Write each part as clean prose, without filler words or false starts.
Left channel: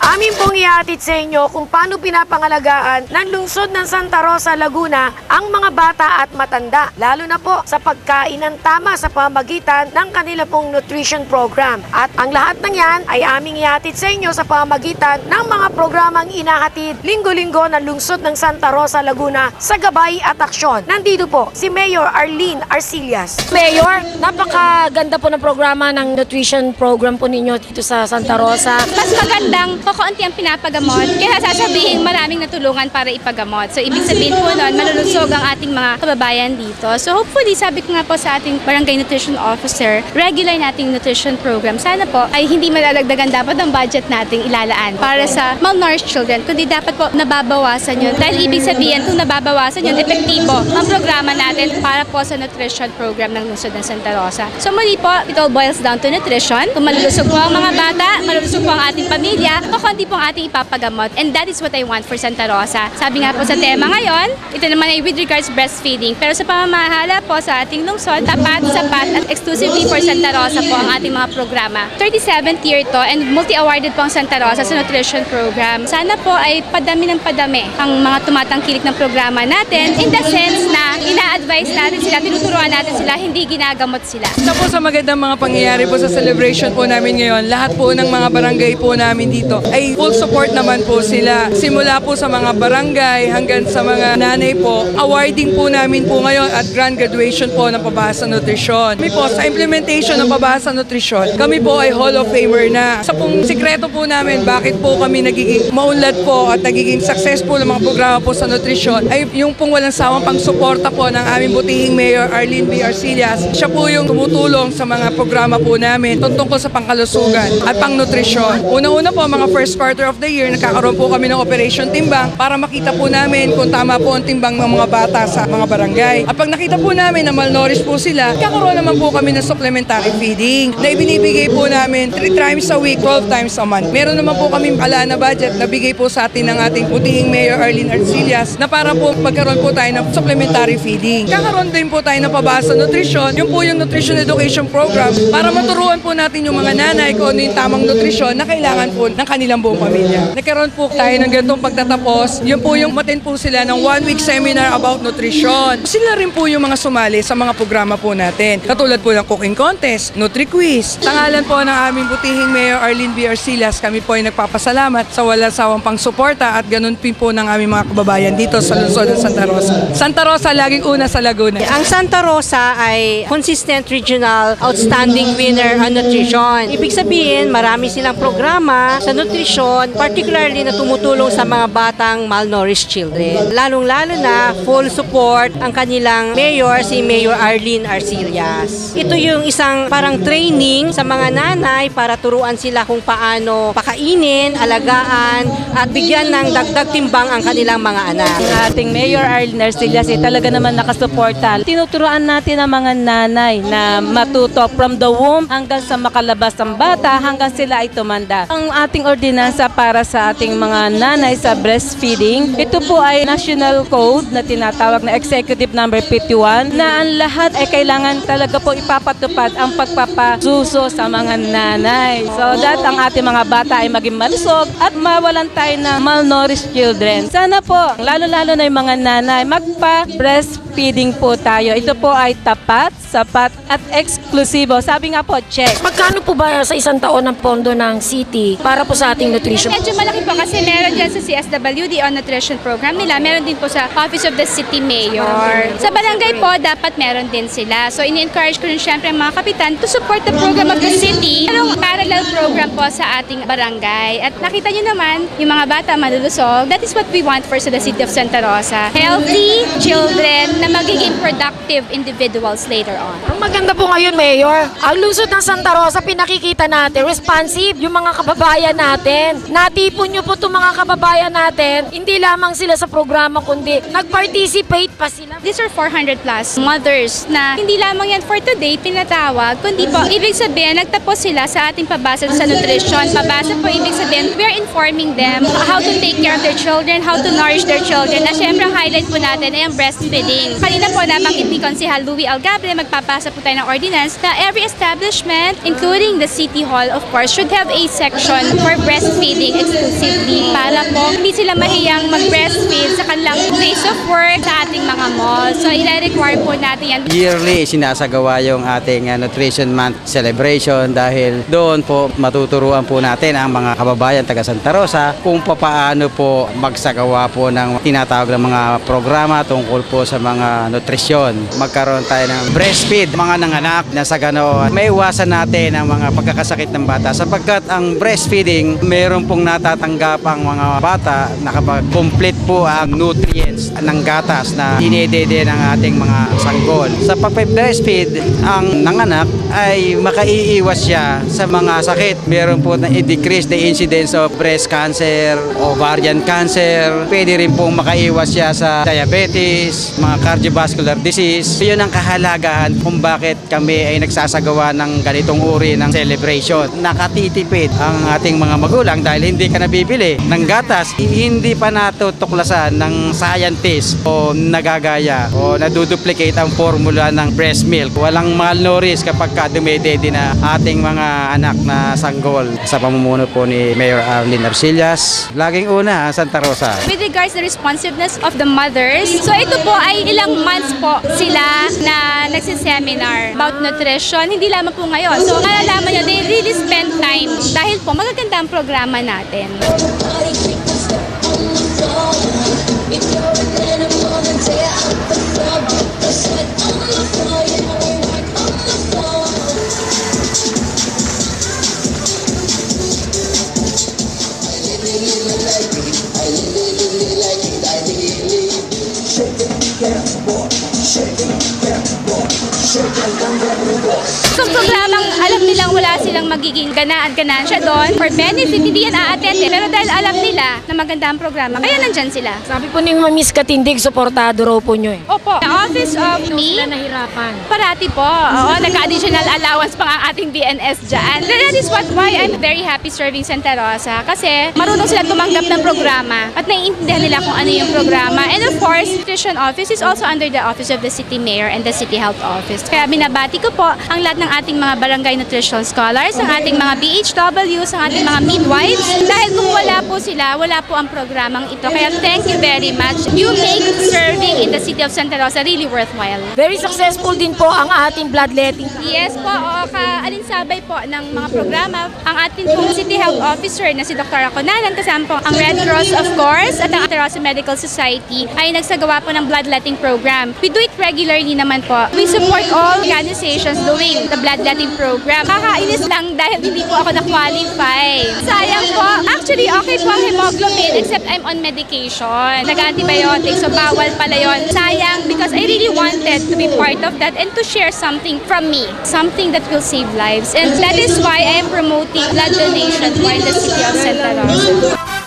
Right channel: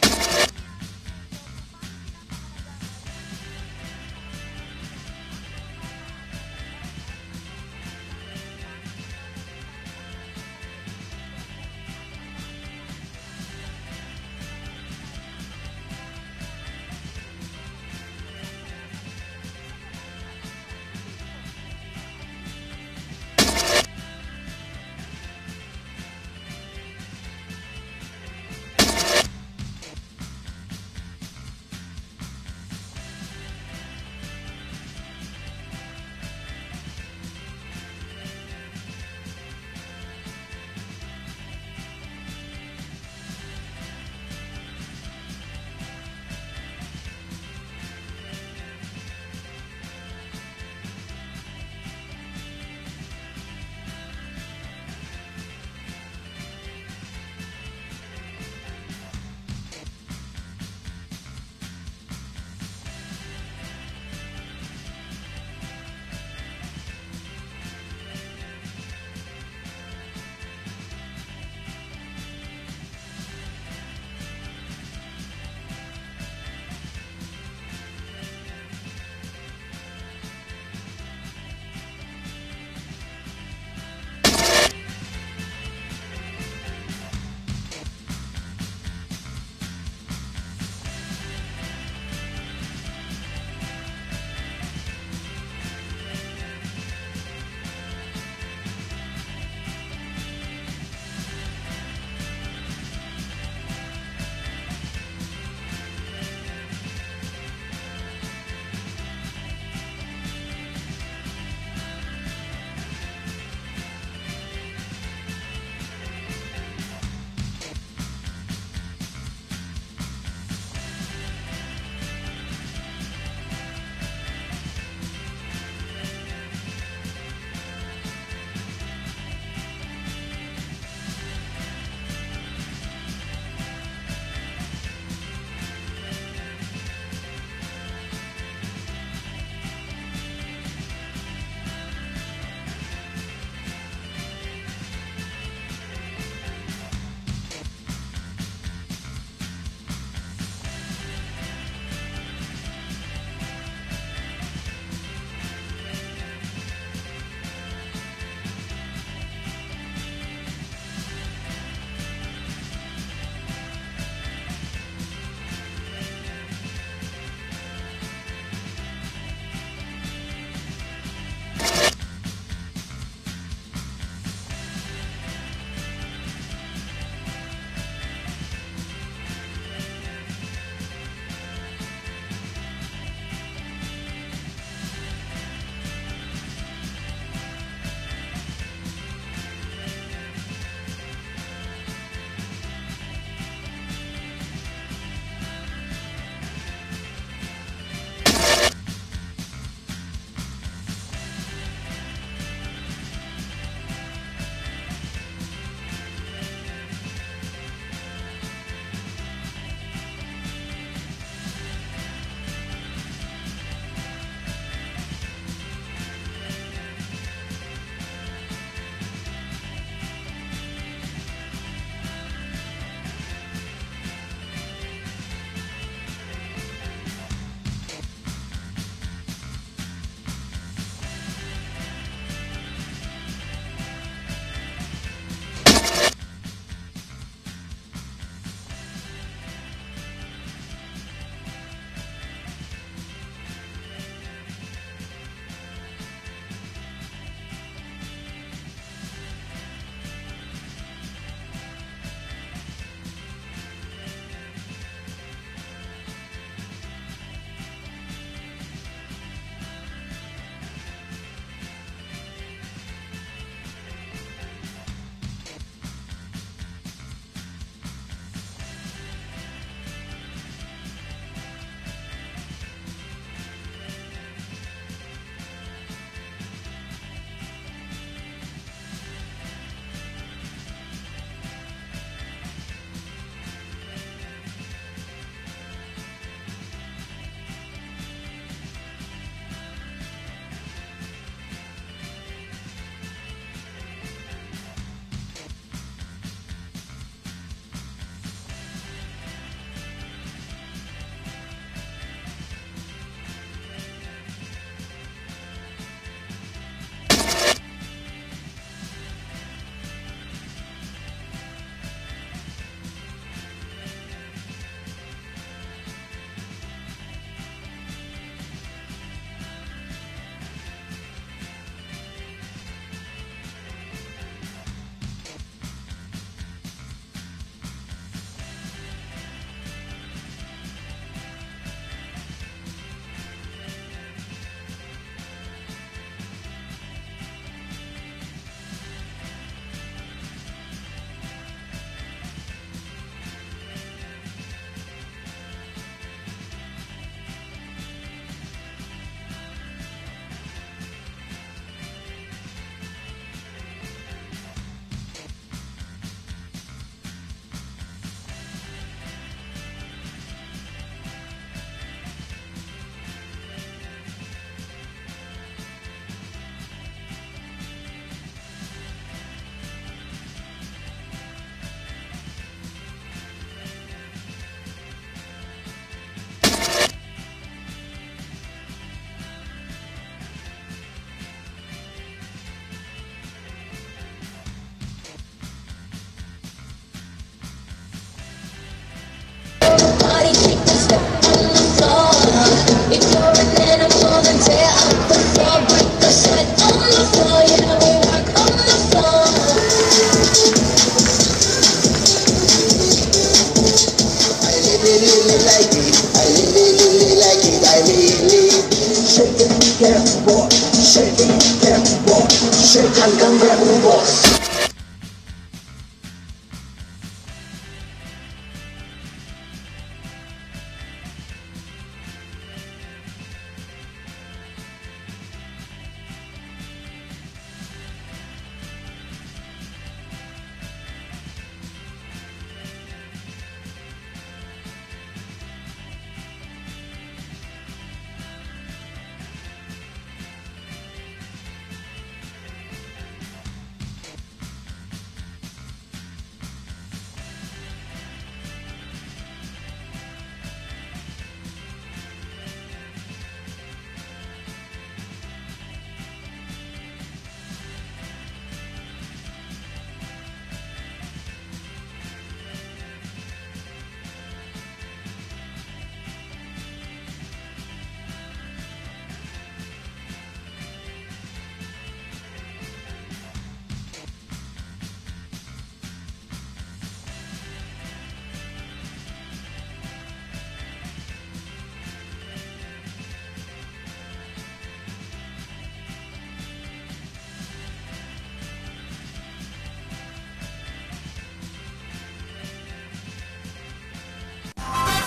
Amin pong ihatid sa inyo kung paano pinapangalagaan ng lungsod ng Santa Rosa, Laguna ang mga bata at matanda, lalo na po sa pagkain ng tama sa pamamagitan ng kanila pong nutrition program. At ang lahat ng yan ay aming ihatid sa inyo sa pamamagitan ng mga programang inahatid linggo-linggo ng lungsod ng Santa Rosa, Laguna sa gabay at aksyon. Nandito po si Mayor Arlene Arcillas. Mayor, napakaganda po ng programa ng nutrition program po ninyo dito sa Santa Rosa. Mas magandang kaunti ang pinapagamot, kaya sasabihin maraming natulungan para ipagamot. So, ibig sabihin po nun, malulusog ang ating mga kababayan dito. So, hopefully, sabi ko nga po sa ating Barangay Nutrition Officer, regular nating nutrition program. Sana po ay hindi malalagdagan dapat ang budget nating ilalaan para sa malnourished children, kundi dapat po nababawasan yun. Dahil ibig sabihin, kung nababawasan yun, epektibo ang programa natin para po sa nutrition program ng lungsod ng Santa Rosa. So, muli po, it all boils down to nutrition. Kung malulusog po ang mga bata, malulusog po ang ating pamilya, kundi po ang ating ipapagamot, and that is what I want for Santa Rosa. Sabi nga po sa tema ngayon, ito naman ay with regards breastfeeding. Pero sa pamamahala po sa ating lungsod, tapat, sapat at exclusively for Santa Rosa po ang ating mga programa. 37th year to and multi-awarded po ang Santa Rosa sa nutrition program. Sana po ay padami ng padami ang mga tumatangkilik ng programa natin in the sense na ina-advise natin sila, tinuturuan natin sila, hindi ginagamot sila. Ito po sa magandang mga pangyayari po sa celebration po namin ngayon, lahat po ng mga barangay po namin dito ay full support naman po sila. Simula po sa mga barangay hanggang sa mga nanay po, awarding po namin po ngayon at grand graduation po ng Pabasa Nutrisyon. Kami po sa implementation ng Pabasa Nutrisyon, kami po ay Hall of Famer na. Sa pong sikreto po namin, bakit po kami nagiging maunlad po at nagiging successful ng mga programa po sa nutrisyon, ay yung pong walang sawang pang-suporta po ng aming butihing Mayor Arlene B. Arcillas. Siya po yung tumutulong sa mga programa po namin tungkol sa pangkalusugan at pang-nutrisyon. Una-una po, mga first quarter of the year, nagkakaroon po kami ng Operation Timbang para makita po namin kung tama po ang timbang ng mga bata sa mga barangay. At pag nakita po namin na malnourished po sila, nagkakaroon naman po kami ng supplementary feeding na ibinibigay po namin 3 times a week, 12 times a month. Meron naman po kami ala na budget na bigay po sa atin ng ating butihing Mayor Arlene Arcillas na para po magkaroon po tayo ng supplementary feeding. Kakaroon din po tayo ng Pabasa Nutrisyon, yung po yung Nutrition Education Program para maturuan po natin yung mga nanay kung ano yung tamang nutrisyon na kailangan po ng kanilang buong pamilya. Nagkaroon po tayo ng ganitong pagtatapos. Yun po yung matin po sila ng 1-week seminar about nutrition. Sila rin po yung mga sumali sa mga programa po natin. Katulad po ng cooking contest, Nutri-Quiz. Tangalan po ng aming butihing Mayor Arlene B. Arcillas, kami po ay nagpapasalamat sa walang sawang pang-suporta at ganun din po ng aming mga kababayan dito sa lungsod ng Santa Rosa. Santa Rosa, laging una sa Laguna. Ang Santa Rosa ay consistent regional outstanding winner on nutrition. Ibig sabihin, marami silang programa sa nutrition, particularly na tumutulong sa mga batang malnourished children. Lalong-lalo na full support ang kanilang mayor, si Mayor Arlene Arcillas. Ito yung isang parang training sa mga nanay para turuan sila kung paano pakainin, alagaan, at bigyan ng dagdag timbang ang kanilang mga anak. Ating Mayor Arlene Arcillas ay talaga naman nakasuporta. Tinuturuan natin ang mga nanay na matuto from the womb hanggang sa makalabas ang bata hanggang sila ay tumanda. Ang ating ordinansa para sa ating mga nanay sa breastfeeding, ito po ay national code na tinatawag na Executive Number 51 na ang lahat ay kailangan talaga po ipapatupad ang pagpapasuso sa mga nanay. So that ang ating mga bata ay maging malusog at mawalan tayo ng malnourished children. Sana po, lalo-lalo na yung mga nanay, magpa-breastfeeding po tayo. Ito po ay tapat, sapat at eksklusibo. Sabi nga po, check. Magkano po ba sa isang taon ang pondo ng city para po sa ating nutrition? Medyo malaki po kasi meron dyan sa CSWD on nutrition program nila. Meron din po sa Office of the City Mayor. Sa barangay po, dapat meron din sila. So, ini-encourage ko rin syempre ang mga kapitan to support the program of the city. Merong parallel program po sa ating barangay. At nakita nyo naman, yung mga bata malulusog, that is what we want for sa the city of Santa Rosa. Healthy children na magiging productive individuals later on. Ang maganda po ngayon, Mayor, ang lungsod ng Santa Rosa, pinakikita natin, responsive yung mga kababayan natin. Natipon nyo po itong mga kababayan natin, hindi lamang sila sa programa, kundi nag-participate pa sila. These are 400 plus mothers na hindi lamang yan for today pinatawag, kundi po, ibig sabihin, nagtapos sila sa ating pabasa sa nutrition. Pabasa po, ibig sabihin, we're informing them how to take care of their children, how to nourish their children. Na syempre, ang highlight po natin ay ang breastfeeding. feeding. Kanina po nabanggit ni Konsehal Louie Algabre, magpapasa po tayo ng ordinance na every establishment, including the City Hall of course, should have a section for breastfeeding exclusively para po hindi sila mahiyang mag-breastfeed sa kanilang place of work sa ating mga malls. So, i-require po natin yan. Yearly, sinasagawa yung ating Nutrition Month celebration dahil doon po matuturuan po natin ang mga kababayan taga Santa Rosa kung paano po magsagawa po ng tinatawag ng mga programa tungkol po sa mga nutrisyon. Magkaroon tayo ng breastfeed, mga nanganak na sa ganoon. May iwasan natin ang mga pagkakasakit ng bata sapagkat ang breastfeeding, mayroon pong natatanggap ang mga bata na kapag complete po ang nutrients ng gatas na dinedede ng ating mga sanggol. Sa pag-breastfeed, ang nanganak ay makaiiwas siya sa mga sakit. Meron po na i-decrease the incidence of breast cancer, ovarian cancer. Pwede rin pong makaiwas siya sa diabetes, mga cardiovascular disease. Yun ang kahalagahan kung bakit kami ay nagsasagawa ng ganitong uri ng celebration. Nakatitipid ang ating mga magulang dahil hindi ka nabibili ng gatas. Hindi pa natutuklasan ng scientist o nagagaya o naduduplicate ang formula ng breast milk. Walang malnourished kapag dumedede na ating mga anak na sanggol. Sa pamumuno po ni Mayor Arlene Arcillas, laging una ang Santa Rosa. With regards to the responsiveness of the mothers, so ito po ay ilang months po sila na nagsiseminar about nutrition. Hindi lamang po ngayon. So malalaman nyo, they really spend time dahil po magaganda ang programa natin. If you're an animal, then tear out the floor, break the sweat on the floor, yeah, we work on the floor. I really like it, I really like it, I really shake it, get boy, shake it, get boy, shake it, boy. So programang alam nilang wala silang magiging ganansya doon for benefit, hindi yan a-attend pero dahil alam nila na maganda ang programa, kaya nandyan sila. Sabi po ni Miss Katindig, supportado raw po nyo eh. Opo. The office of me, nahirapan. parati po. Oo, nagka-additional allowance pa ang ating BNS dyan. That is why I'm very happy serving Santa Rosa kasi marunong sila tumanggap ng programa at naiintindihan nila kung ano yung programa. And of course, Nutrition Office is also under the Office of the City Mayor and the City Health Office. Kaya binabati ko po ang lahat ng ating mga barangay nutrition scholars, ang ating mga BHWs, ang ating mga midwives. Dahil kung wala po sila, wala po ang programang ito. Kaya thank you very much. You make serving in the city of Santa Rosa really worthwhile. Very successful din po ang ating bloodletting. Yes po, kaalinsabay po ng mga programa. Ang ating pong City Health Officer na si Dr. Aconanan, kasama po ang Red Cross of course at ang Santa Rosa Medical Society ay nagsagawa po ng bloodletting program. We do it regularly naman po. We support all organizations doing the bloodletting program. Kakainis lang dahil hindi po ako na-qualify. Sayang po. Actually, okay po ang hemoglobin except I'm on medication. Nag-antibiotics, so bawal pala yun. Sayang because I really wanted to be part of that and to share something from me. Something that will save lives. And that is why I am promoting blood donation for the city of Santa Rosa.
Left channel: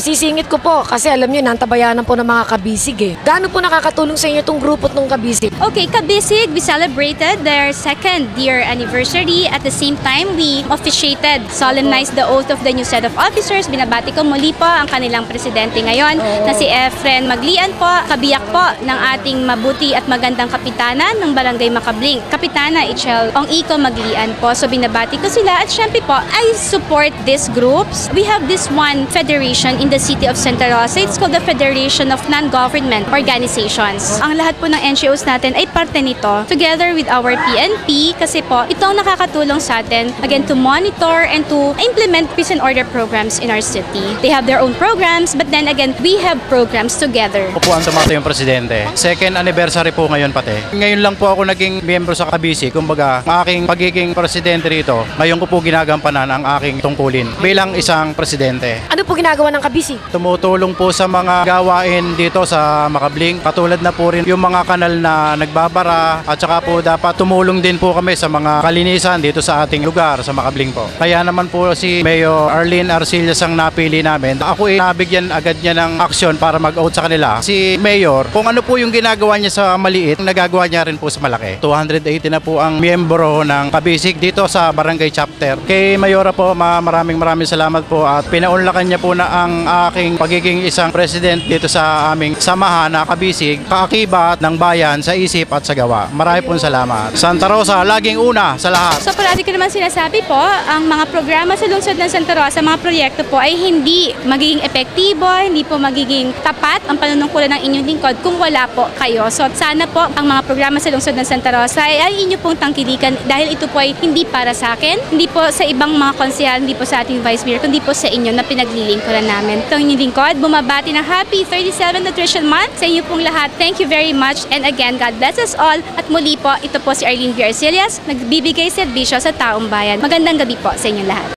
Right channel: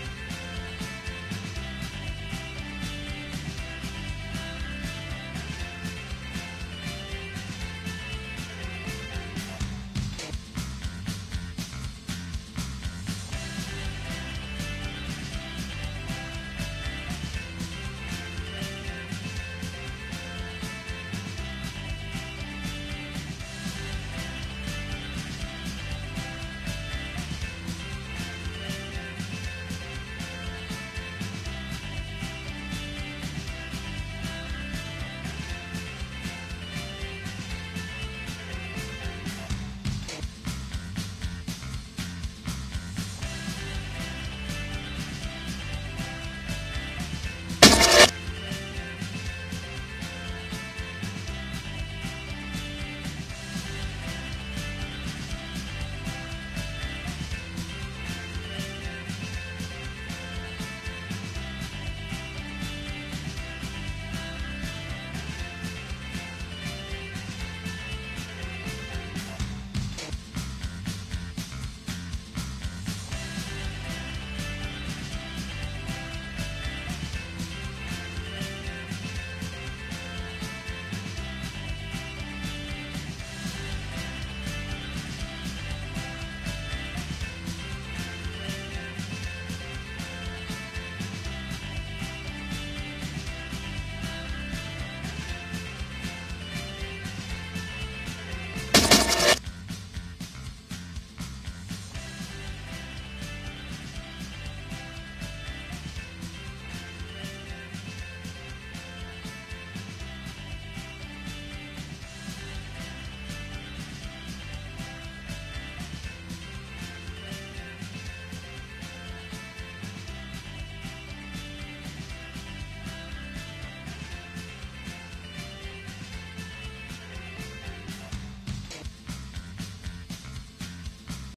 Sisingit ko po kasi alam nyo, nantabayanan po ng mga kabisig eh. Gaano po nakakatulong sa inyo itong grupo ng kabisig? Okay, Kabisig, we celebrated their second year anniversary. At the same time, we officiated, solemnized the oath of the new set of officers. Binabati ko muli po ang kanilang presidente ngayon na si Efren Maglian po, kabiyak po ng ating mabuti at magandang kapitana ng Barangay Makabling. Kapitana Ichel Ong-Iko Maglian po. So binabati ko sila at syempre po, I support these groups. We have this one federation in the city of Santa Rosa. It's called the Federation of Non-Government Organizations. Ang lahat po ng NGOs natin ay parte nito together with our PNP kasi po ito ang nakakatulong sa atin again to monitor and to implement peace and order programs in our city. They have their own programs but then again we have programs together. Ako po ang tumato yung presidente. Second anniversary po ngayon pati. Ngayon lang po ako naging miyembro sa Kabisi. Kumbaga, ang aking pagiging presidente rito, ngayon ko po ginagampanan ang aking tungkulin bilang isang presidente. Ano po ginagawa ng kabisig? Kabisig. Tumutulong po sa mga gawain dito sa Makabling. Katulad na po rin yung mga kanal na nagbabara at saka po dapat tumulong din po kami sa mga kalinisan dito sa ating lugar sa Makabling po. Kaya naman po si Mayor Arlene Arcillas ang napili namin. Ako nabigyan agad niya ng aksyon para mag-out sa kanila. Si Mayor, kung ano po yung ginagawa niya sa maliit, nagagawa niya rin po sa malaki. 280 na po ang miyembro ng Kabisig dito sa Barangay Chapter. Kay Mayora po, maraming salamat po at pinaunlakan niya po na ang aking pagiging isang president dito sa aming samahan na Kabisig, kaakibat ng bayan sa isip at sa gawa. Marami pong salamat. Santa Rosa, laging una sa lahat. So parati ko naman sinasabi po, ang mga programa sa lungsod ng Santa Rosa, mga proyekto po ay hindi magiging epektibo, hindi po magiging tapat ang panunungkulan ng inyong lingkod kung wala po kayo. So sana po ang mga programa sa lungsod ng Santa Rosa ay inyo pong tangkilikan dahil ito po ay hindi para sa akin, hindi po sa ibang mga konsehal, hindi po sa ating Vice Mayor, kundi po sa inyo na pinaglilingkuran namin. Ito ang inyong lingkod, bumabati ng Happy 37 Nutrition Month sa inyo pong lahat. Thank you very much and again, God bless us all. At muli po, ito po si Arlene V. Arcillas, nagbibigay serbisyo sa taong bayan. Magandang gabi po sa inyong lahat.